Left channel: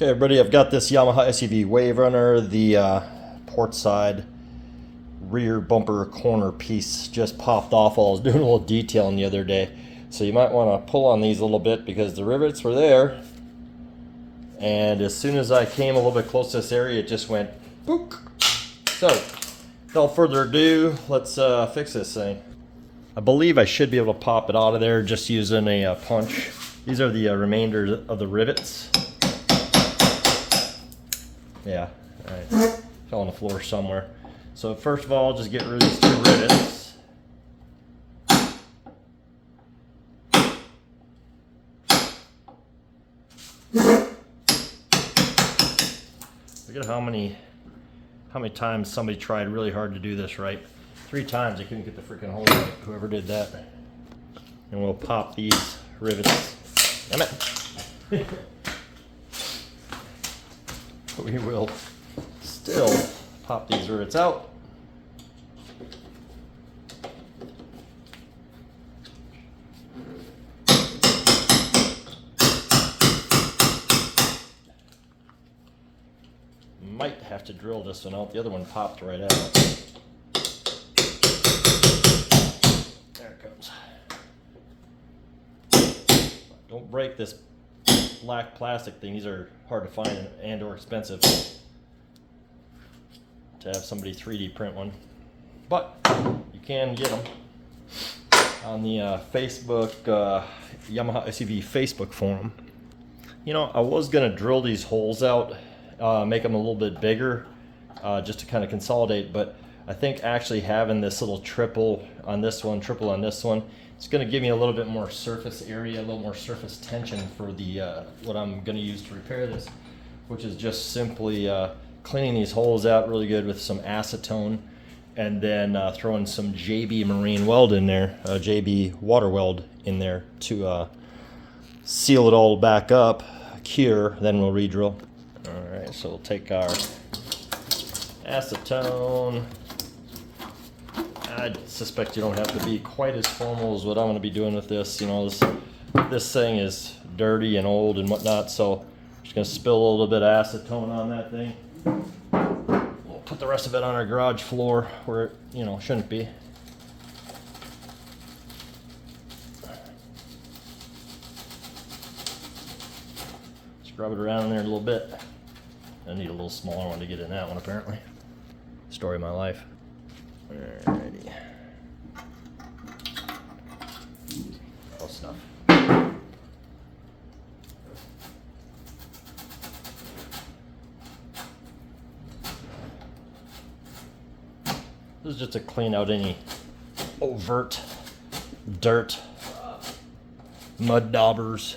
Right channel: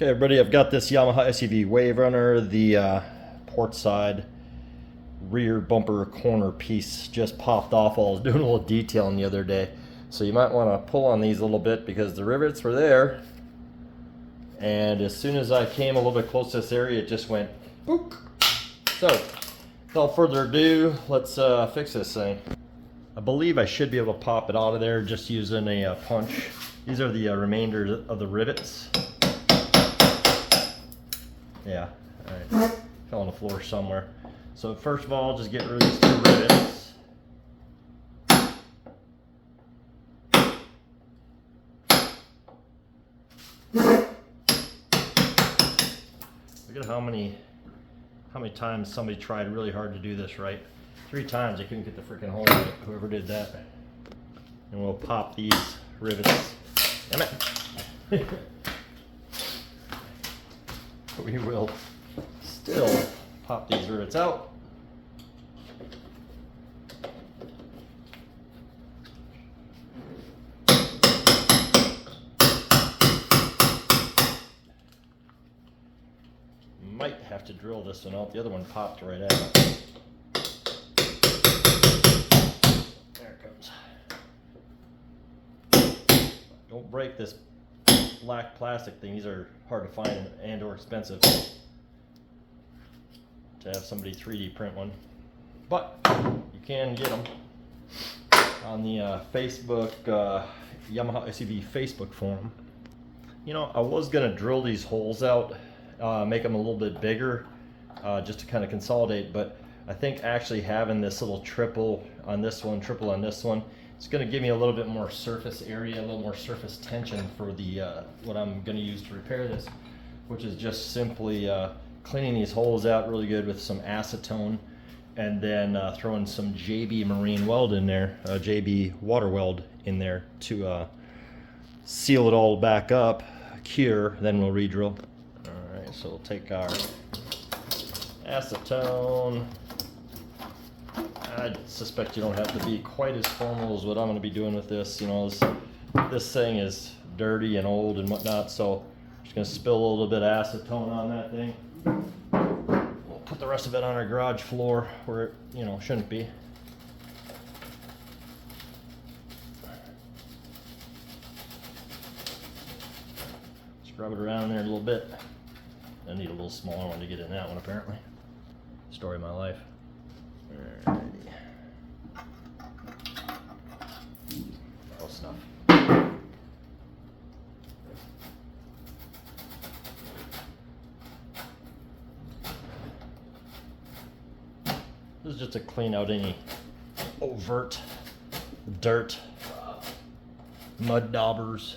Okay, everybody, I've got this Yamaha SUV Waverunner. The port side rear bumper corner piece just popped off while I was doing a little detailing the other day. So you might want to pull on these a little bit because the rivets were there. And as soon as I came a little bit close to this area, it just went boop. So, without further ado, let's fix this thing. I believe I should be able to pop it out of there just using a punch. These are the remainders of the rivets. Yeah, right. Fell on the floor somewhere. So first of all, just get rid of these two rivets. Look at how many times somebody tried really hard to do this right. 3 times I couldn't get the freaking hole out, whoever did that. And we'll pop these rivets. Damn it. We will still pop these rivets out. Might have to drill this one out. The other one popped right out. There it comes. Don't break this black plastic thing. These are hard to find and or expensive to have somebody 3D print one, but you can get them on the Facebook Yamaha SUV Facebook forum. You know, I was gonna drill these holes out, make them a little bit bigger, just to kind of consolidate, but I think actually having this little triple on this one, triple on this one, it's going to give me a little bit more surface area, a little more surface tension for the what I'm going to use to repair this, which is just simply cleaning these holes out really good with some acetone, and then throwing some JB marine weld in there, JB water weld in there to seal it all back up, cure, then we'll re-drill. All right, so we'll take our acetone. I suspect you don't have to be quite as formal as what I'm going to be doing with this. You know, this thing is dirty and old and whatnot, so I'm just going to spill a little bit of acetone on that thing. We'll put the rest of it on our garage floor where it, you know, shouldn't be. Scrub it around in there a little bit. I need a little smaller one to get in that one, apparently. Story of my life. Alrighty. All stuff. This is just to clean out any overt dirt, mud daubers.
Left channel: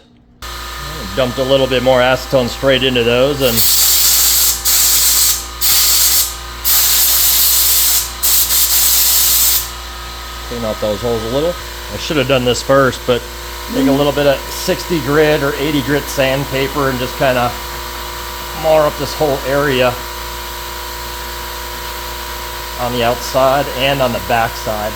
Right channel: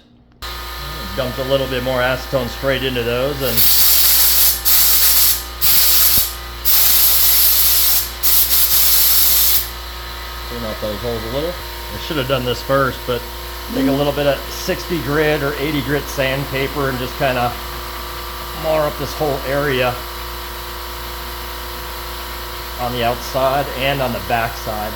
Dumped a little bit more acetone straight into those and clean out those holes a little. I should have done this first, but take a little bit of 60 grit or 80 grit sandpaper and just kind of mar up this whole area on the outside and on the back side.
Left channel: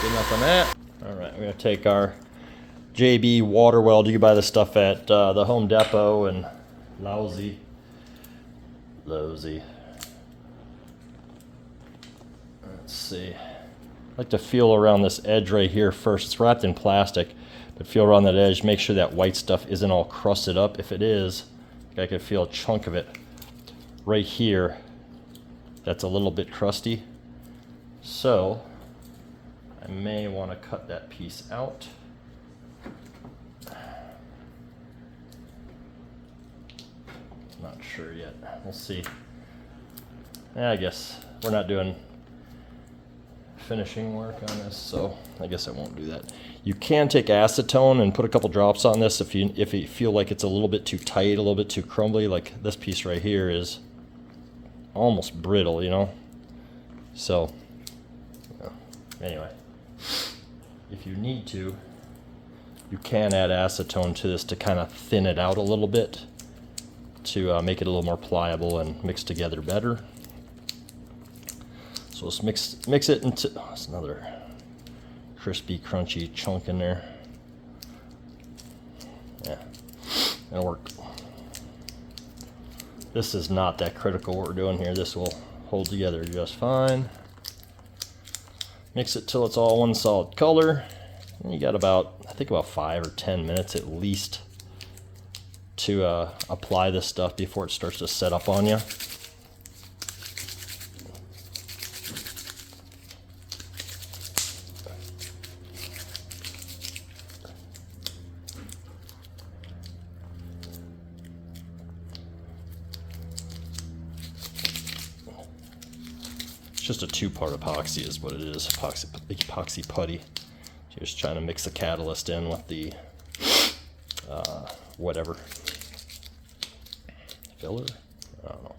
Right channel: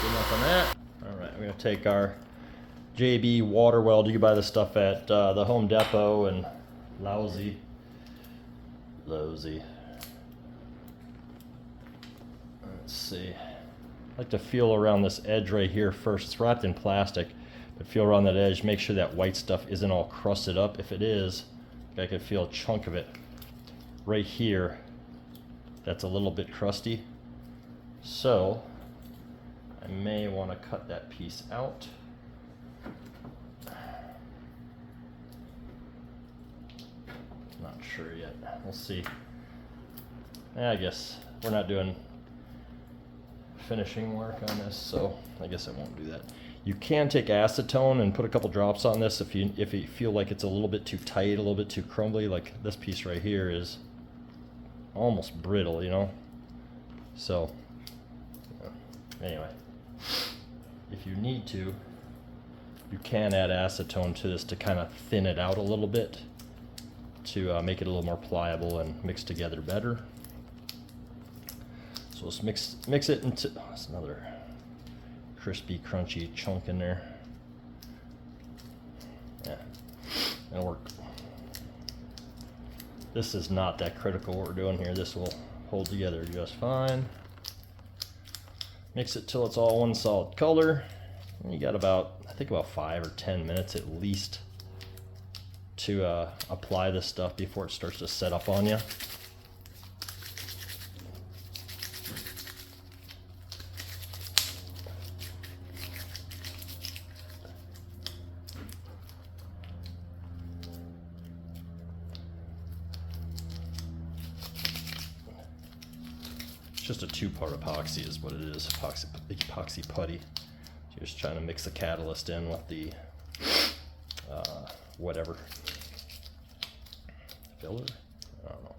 Good enough on that. All right, we're gonna take our JB water weld. You can buy this stuff at the Home Depot and Lousy. Let's see. I like to feel around this edge right here first. It's wrapped in plastic, but feel around that edge. Make sure that white stuff isn't all crusted up. If it is, I can feel a chunk of it right here. That's a little bit crusty. So I may want to cut that piece out. Not sure yet. We'll see. Yeah, I guess we're not doing finishing work on this, so I guess I won't do that. You can take acetone and put a couple drops on this if you feel like it's a little bit too tight, a little bit too crumbly. Like this piece right here is almost brittle, you know. So anyway, if you need to, you can add acetone to this to kind of thin it out a little bit, to make it a little more pliable and mix together better. So let's mix it into, that's another crispy, crunchy chunk in there. Yeah, that'll work. This is not that critical what we're doing here. This will hold together just fine. Mix it till it's all one solid color. And you got about, I think about 5 or 10 minutes at least to apply this stuff before it starts to set up on you. It's just a 2-part epoxy is what it is, epoxy putty. You're just trying to mix the catalyst in with the whatever filler. I don't know.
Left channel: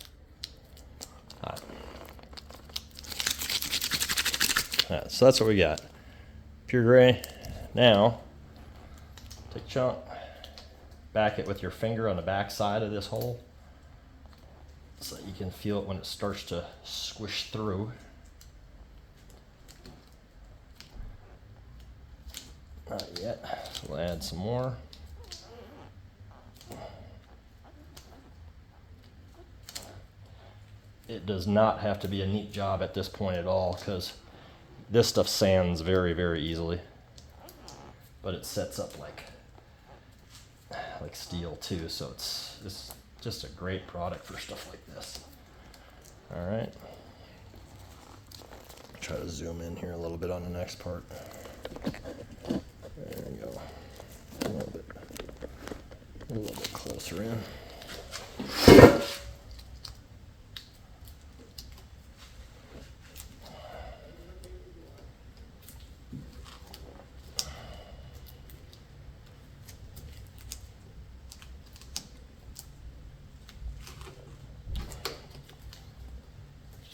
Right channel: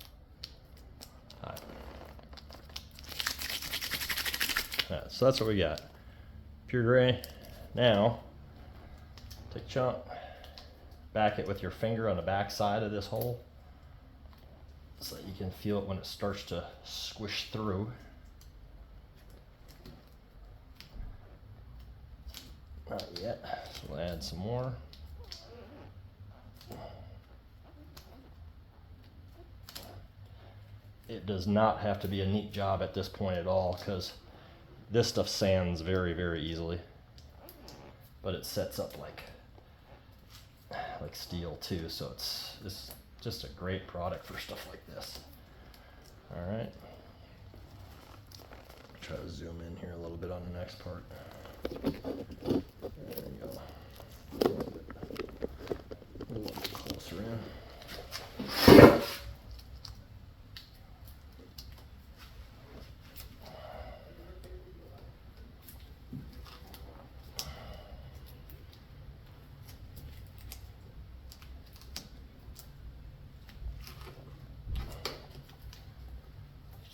Right, so that's what we got. Pure gray. Now, take a chunk, back it with your finger on the back side of this hole, so that you can feel it when it starts to squish through. Not yet, so we'll add some more. It does not have to be a neat job at this point at all, because this stuff sands very, very easily. But it sets up like steel too, so it's just a great product for stuff like this. All right. Try to zoom in here a little bit on the next part. There we go. A little bit closer in.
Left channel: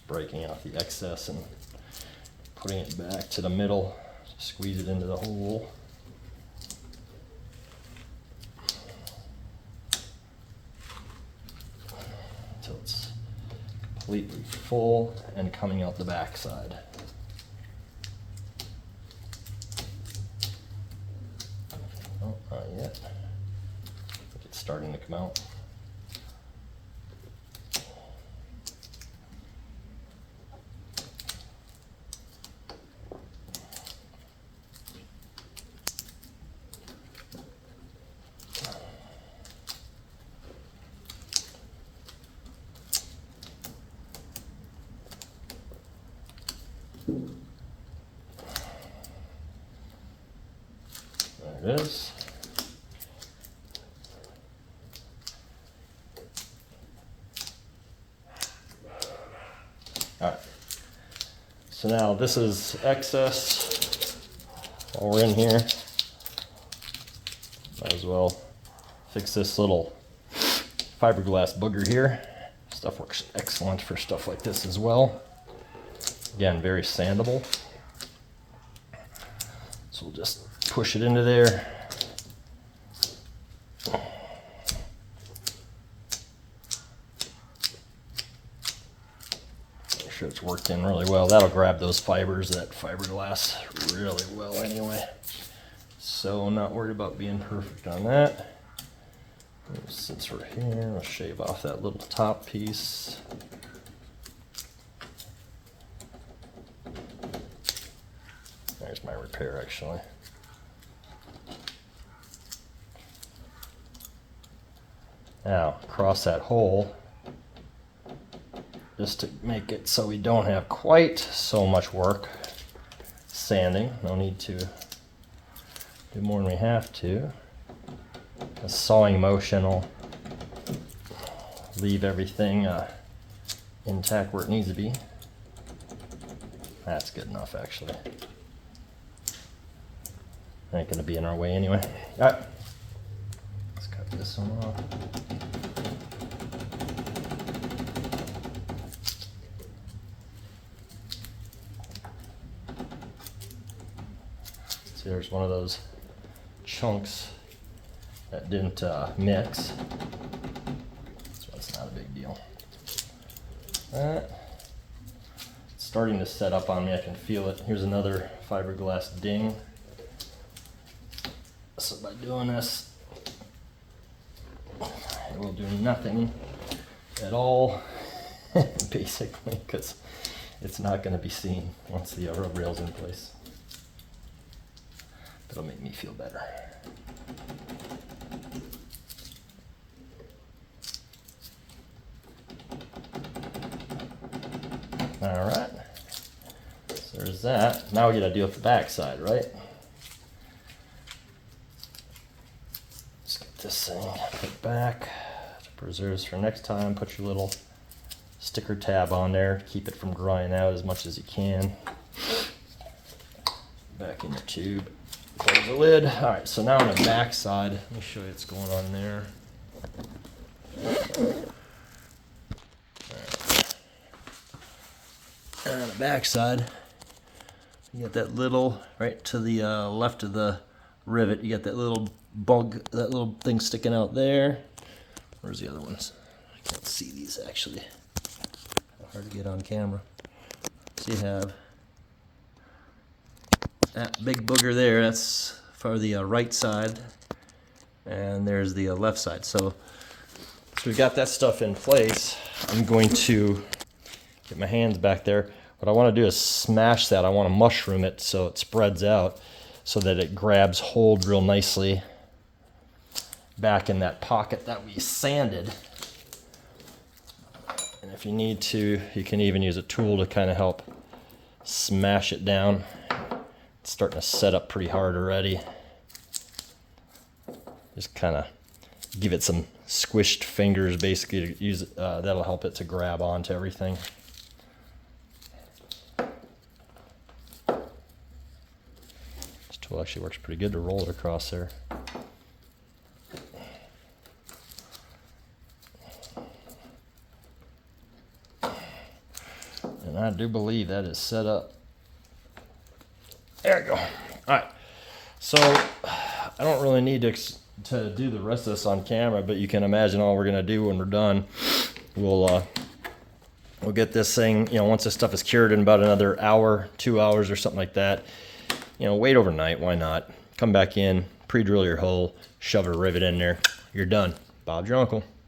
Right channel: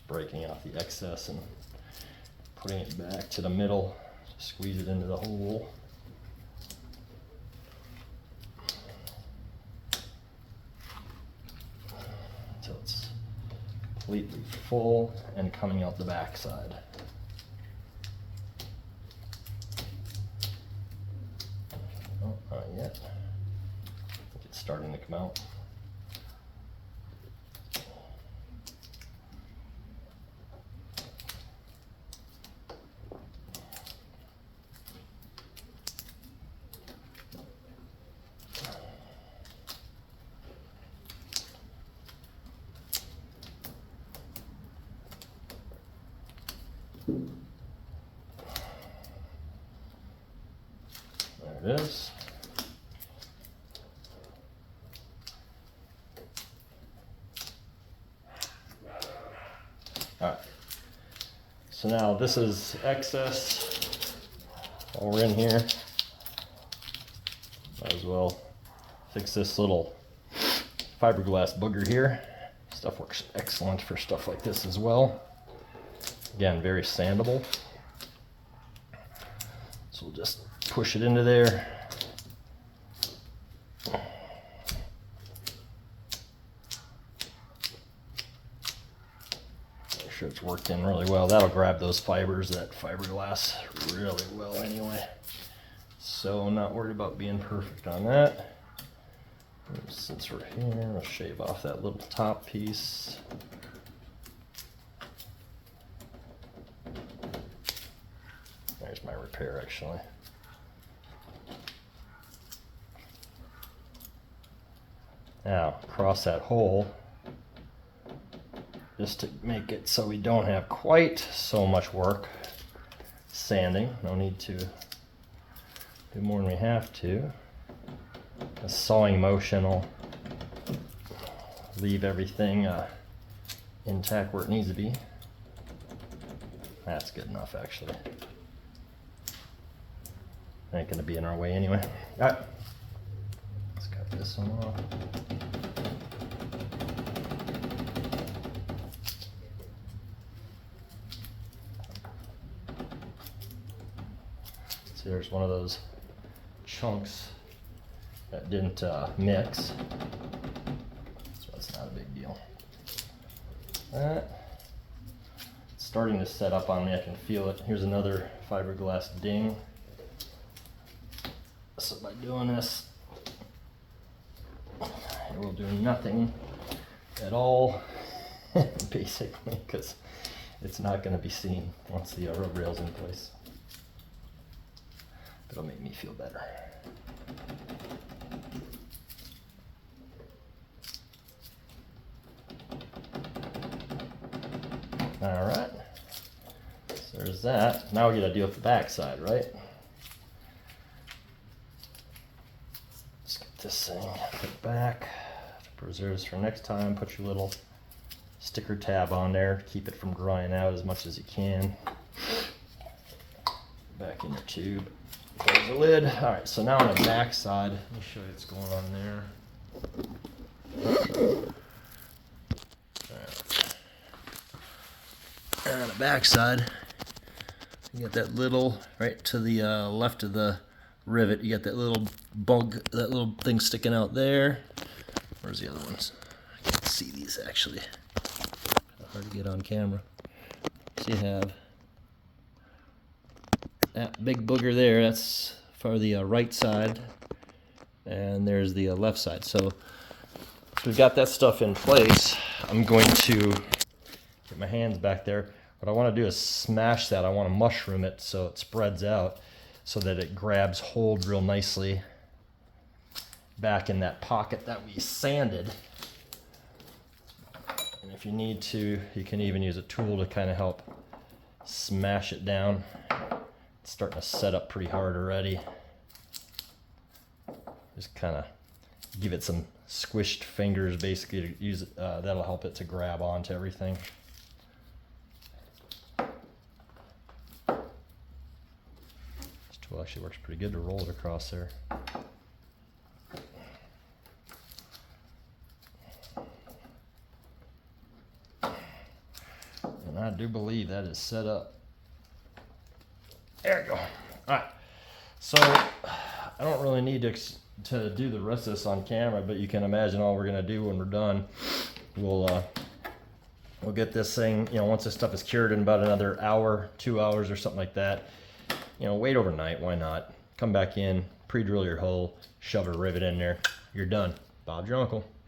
Breaking off the excess and putting it back to the middle, squeeze it into the hole. Until it's completely full and coming out the back side. Oh, not yet. It's starting to come out. There it is. All right. So now this is excess. While we're in here, might as well fix this little fiberglass booger here. Stuff works excellent for stuff like this as well. Again, very sandable. So we'll just push it into there. Make sure it's worked in really well. That'll grab those fibers, that fiberglass, really well anyway. So not worried about being perfect on that. Since we're here, we'll shave off that little top piece. There's my repair actually. Now, across that hole, just to make it so we don't have quite so much work sanding. No need to do more than we have to. A sawing motion will leave everything intact where it needs to be. That's good enough, actually. Ain't gonna be in our way anyway. All right, let's cut this one off. So there's one of those chunks that didn't mix. So it's not a big deal. It's starting to set up on me. I can feel it. Here's another fiberglass ding. So by doing this, it will do nothing at all, basically, because it's not going to be seen once the rub rail's in place. It'll make me feel better. All right, so there's that. Now we got to deal with the back side, right? Let's get this thing put back. Preserves for next time. Put your little sticker tab on there. Keep it from drying out as much as you can. Back in your tube. Close the lid. All right, so now on the back side, let me show you what's going on there. On the back side, you got that little, right to the left of the rivet, you got that little bug, that little thing sticking out there. Where's the other ones? I can't see these actually. Hard to get on camera. So you have that big booger there, that's for the right side, and there's the left side. So we've got that stuff in place. I'm going to get my hands back there. What I want to do is smash that. I want to mushroom it so it spreads out so that it grabs hold real nicely back in that pocket that we sanded. And if you need to, you can even use a tool to kind of help smash it down. It's starting to set up pretty hard already. Just kind of give it some squished fingers basically to use. That'll help it to grab onto everything. This tool actually works pretty good to roll it across there. And I do believe that is set up. There we go. All right. So I don't really need to do the rest of this on camera, but you can imagine all we're gonna do when we're done. We'll get this thing, once this stuff is cured in about another hour, 2 hours or something like that. Wait overnight, why not? Come back in, pre-drill your hole, shove a rivet in there. You're done. Bob's your uncle.